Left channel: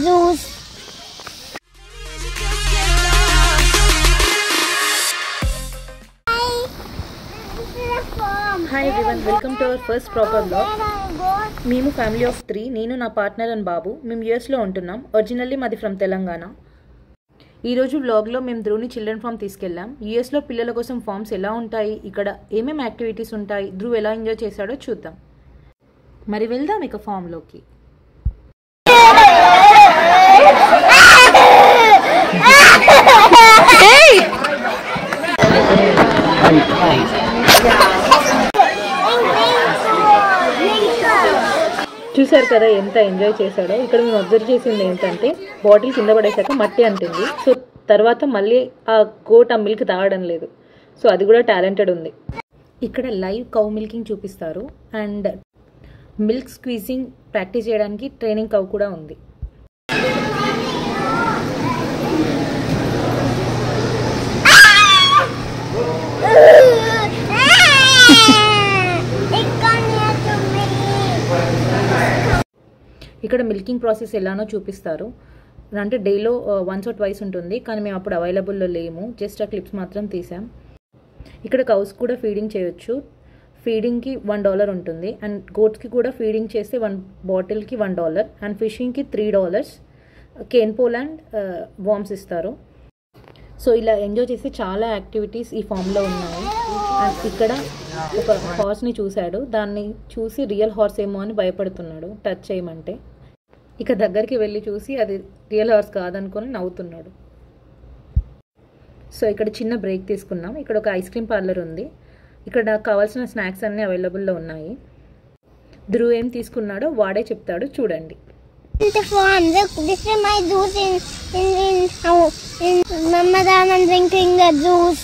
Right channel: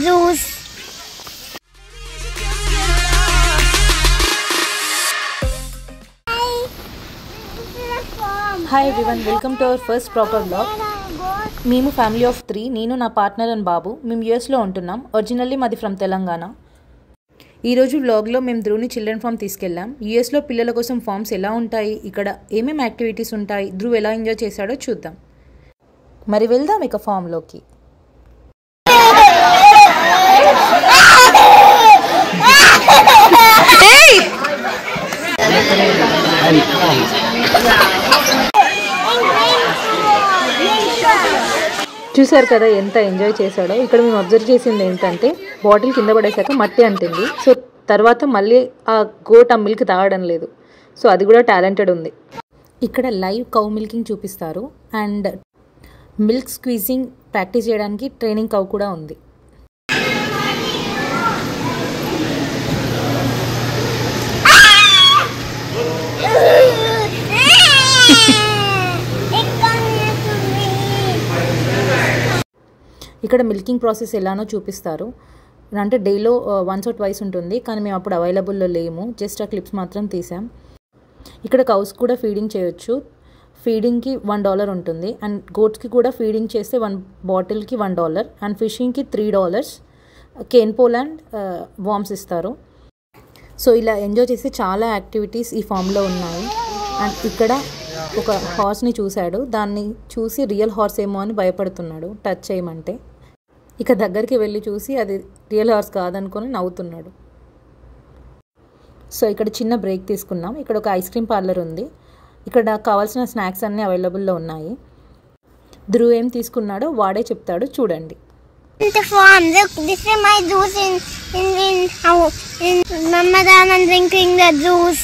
zoos. Hi everyone, welcome to our first proper vlog. మేము family of 3, నేను నా partner and బాబు. మేము యూఎస్లో ఉంటున్నాం. ఒరిజినల్లీ మాది ఫ్రమ్ తెలంగాణ. ఈరోజు వ్లాగ్లో మేము ధ్రువ్ని చిల్డ్రన్ ఫామ్ తీసుకెళ్ళాం. యూఎస్లో పిల్లల కోసం ఫామ్స్ ఎలా ఉంటాయి, ఇక్కడ ఏమేమి యాక్టివిటీస్ ఉంటాయి, ధ్రువ్ ఎలా ఎంజాయ్ చేశాడో చూద్దాం. మరి వెళ్దాం ఇక ఫామ్లోకి. చూసారు కదా ఎంత ఎంజాయ్ చేశాడో. ఇక్కడ మేము అబ్జర్వ్ చేసింది ఏంటంటే బాటిల్ కింద పడేసాక మట్టి అంటుంది. సో తర్వాత మళ్ళీ ఆ గోట్ ఆ మిల్క్ తాగడం లేదు. సో అది కూడా టాలెంటెడ్ ఉంది. ఇక్కడ లైవ్ కౌ మిల్కింగ్ చూపిస్తారు అండ్ మిల్క్ స్క్వీజింగ్ ప్రాక్టీస్ చేయడానికి ట్రైనింగ్ కౌ కూడా ఉంది. ఇక్కడ మిల్కింగ్ ప్రాసెస్ ఎలానో చూపిస్తారు. అంటే డేలో వన్స్ ఆర్ ట్వైస్ ఉంటుంది, కానీ మేము అప్పుడు అవైలబుల్లో లేము. జస్ట్ ఆ క్లిప్స్ మాత్రం తీసాం. ఇక్కడ కౌస్ కూడా ఫీడింగ్ చేయొచ్చు. ఫీడింగ్కి $1 ఉంటుంది అండ్ గోట్స్కి కూడా ఫీడింగ్ చేస్తే 1 బాటిల్కి $1 అండ్ ఫిషింగ్కి $3. కేన్ పోల్ అండ్ వామ్స్ ఇస్తారు. సో ఇలా ఎంజాయ్ చేస్తే చాలా యాక్టివిటీస్ ఈ ఫామ్లో ఉన్నాయి. అండ్ ఇక్కడ ఒక హార్స్ని చూశాడు. దాన్ని చూసి రియల్ హార్స్ ఏమో అని భయపడుతున్నాడు టచ్ చేయమంటే. ఇక దగ్గరికి వెళ్ళి చూసి అది రియల్ హార్స్ కాదనుకొని నవ్వుతున్నాడు. సో ఇక్కడ చిన్న బ్రేక్ తీసుకున్నాం. ఇక్కడ ఒక ఐస్ క్రీమ్ పార్లర్ ఉంది. ఇక్కడ నాకు కావాల్సిన స్నాక్స్ అన్నీ అవైలబుల్లో ఉన్నాయి. ధ్రువ్ ఏం తీసుకున్నాడో వాడే చెప్తాడు, చూడండి. The farm. Look, this is my juice in Ramadan and drinking the juice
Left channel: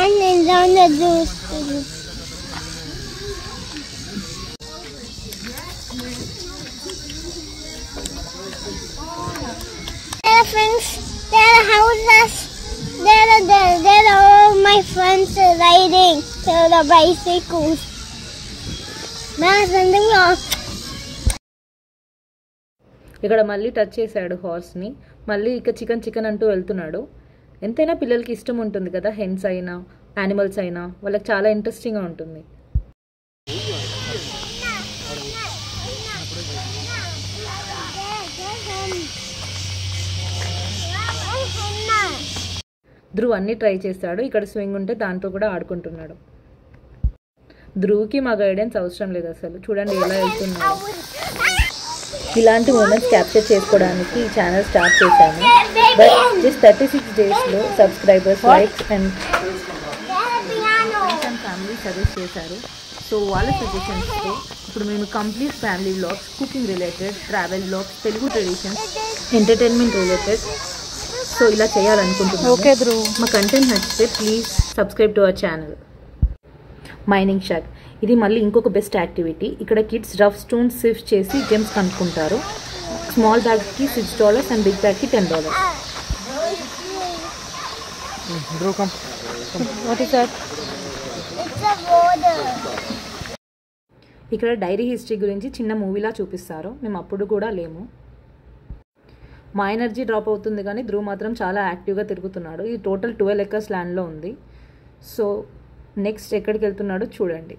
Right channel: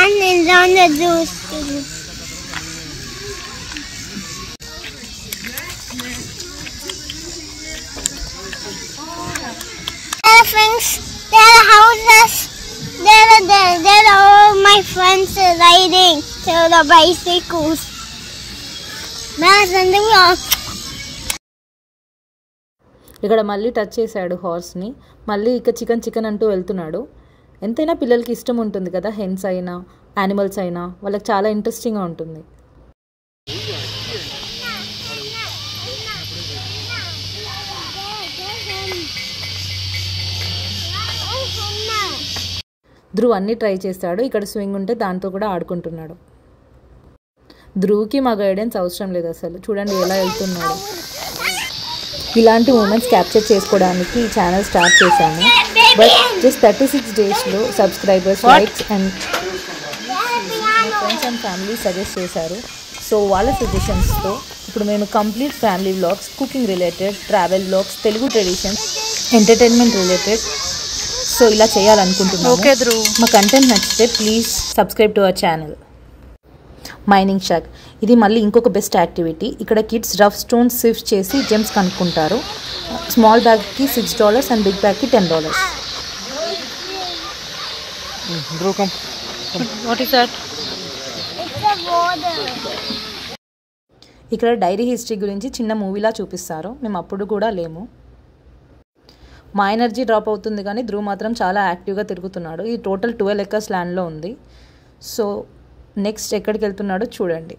and enjoying the juice. There are friends, there are houses, there are all my friends riding to the bicycles. ఇక్కడ మళ్ళీ touch చేశాడు హార్స్ని. మళ్ళీ ఇక chicken అంటూ వెళ్తున్నాడు. ఎంతైనా పిల్లలకి ఇష్టం ఉంటుంది కదా, హెన్స్ అయినా యానిమల్స్ అయినా వాళ్ళకి చాలా ఇంట్రెస్టింగ్గా ఉంటుంది. ధ్రువ్ అన్నీ ట్రై చేస్తాడు. ఇక్కడ స్వింగ్ ఉంటే దాంతో కూడా ఆడుకుంటున్నాడు. ధ్రువ్కి మా గైడెన్స్ అవసరం లేదు అసలు. చూడండి ఎలా వెళ్తున్నాడు. ఇలాంటి మూమెంట్స్ క్యాప్చర్ చేసుకోవడానికి ఈ ఛానల్ స్టార్ట్ చేశాను. బట్ జస్ట్ 36 డేస్లో subscribers, likes and friends and family suggest చేశారు. సో వాళ్ళ సజెషన్స్తో ఇప్పుడు మేము complete family vlogs, cooking related, travel vlogs, Telugu traditions, entertainment related so ఇలా చేయాలనుకుంటున్నాను. ఓకే ధ్రువ్, మా కంటెంట్ నచ్చితే please subscribe to our channel. Mining shack, ఇది మళ్ళీ ఇంకొక బెస్ట్ యాక్టివిటీ. ఇక్కడ కిడ్స్ రఫ్ స్టోన్స్ సిఫ్ట్ చేసి జెమ్స్ కనుక్కుంటారు. స్మాల్ బ్యాగ్కి $6 అండ్ బిగ్ బ్యాగ్కి $10. What is that? ఇక్కడ డైరీ హిస్టరీ గురించి చిన్న మూవీలా చూపిస్తారు. మేము అప్పుడు కూడా లేము. మా ఎనర్జీ డ్రాప్ అవుతుంది కానీ ధ్రువ్ మాత్రం చాలా యాక్టివ్గా తిరుగుతున్నాడు. ఈ టోటల్ 12 acres ల్యాండ్లో ఉంది. సో నెక్స్ట్ ఎక్కడికి వెళ్తున్నాడో చూడండి.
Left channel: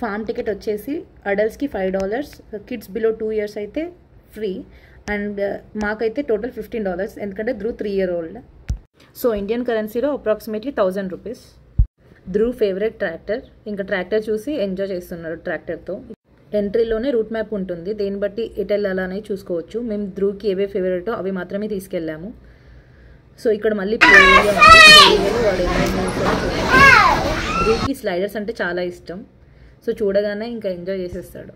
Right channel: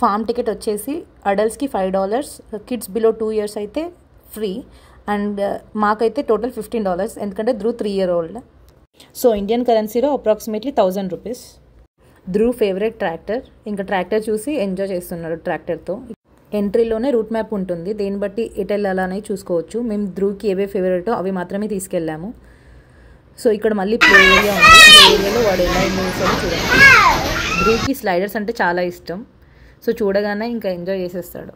ఫామ్ టికెట్ వచ్చేసి అడల్ట్స్కి $5, కిడ్స్ బిలో 2 years అయితే ఫ్రీ అండ్ మాకైతే టోటల్ $15 ఎందుకంటే Dhruv 3 year old. So Indian కరెన్సీలో అప్రాక్సిమేట్లీ $1000. Dhruv favourite tractor. ఇంకా ట్రాక్టర్ చూసి ఎంజాయ్ చేస్తున్నాడు ట్రాక్టర్తో. ఎంట్రీలోనే రూట్ మ్యాప్ ఉంటుంది, దేన్ని బట్టి ఎటు వెళ్ళాలని చూసుకోవచ్చు. మేము ధ్రువ్కి ఏవే ఫేవరెటో అవి మాత్రమే తీసుకెళ్ళాము. సో ఇక్కడ మళ్ళీ ప్లే ఏరియా ఉంది. ప్లే ఏరియాలో వాడు ఎలా ఎంజాయ్ చేస్తాడో చూడండి. ధ్రువ్కి స్లైడర్స్ అంటే చాలా ఇష్టం. సో చూడగానే ఇంకా ఎంజాయ్ చేసేస్తాడు.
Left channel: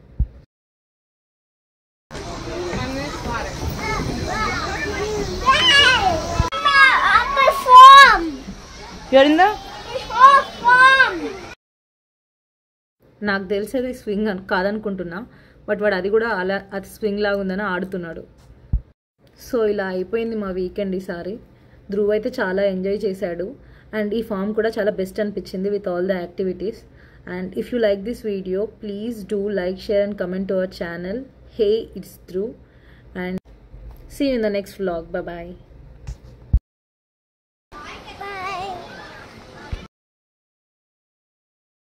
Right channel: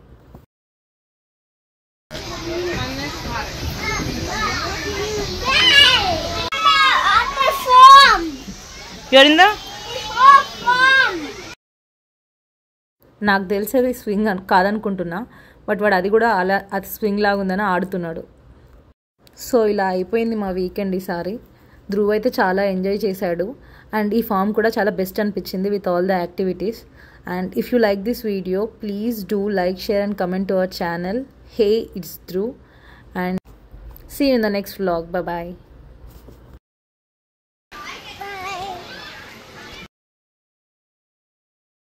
నాకు తెలిసేది స్వింగ్ కాదనుకుంటున్నా, బట్ వాడు అది కూడా అలా అది స్వింగ్ లాగా ఉందని ఆడుతున్నాడు. సో ఇలా అయిపోయింది మా వీకెండ్ ఈసారి. ధ్రువ్ అయితే చాలా ఎంజాయ్ చేశాడు అండ్ ఈ ఫామ్ కూడా చాలా బెస్ట్ అనిపించింది with all the activities. And if you like this video, please do like, share and comment to our channel. hey, it's Dhruv, and see you in the next vlog. Bye bye.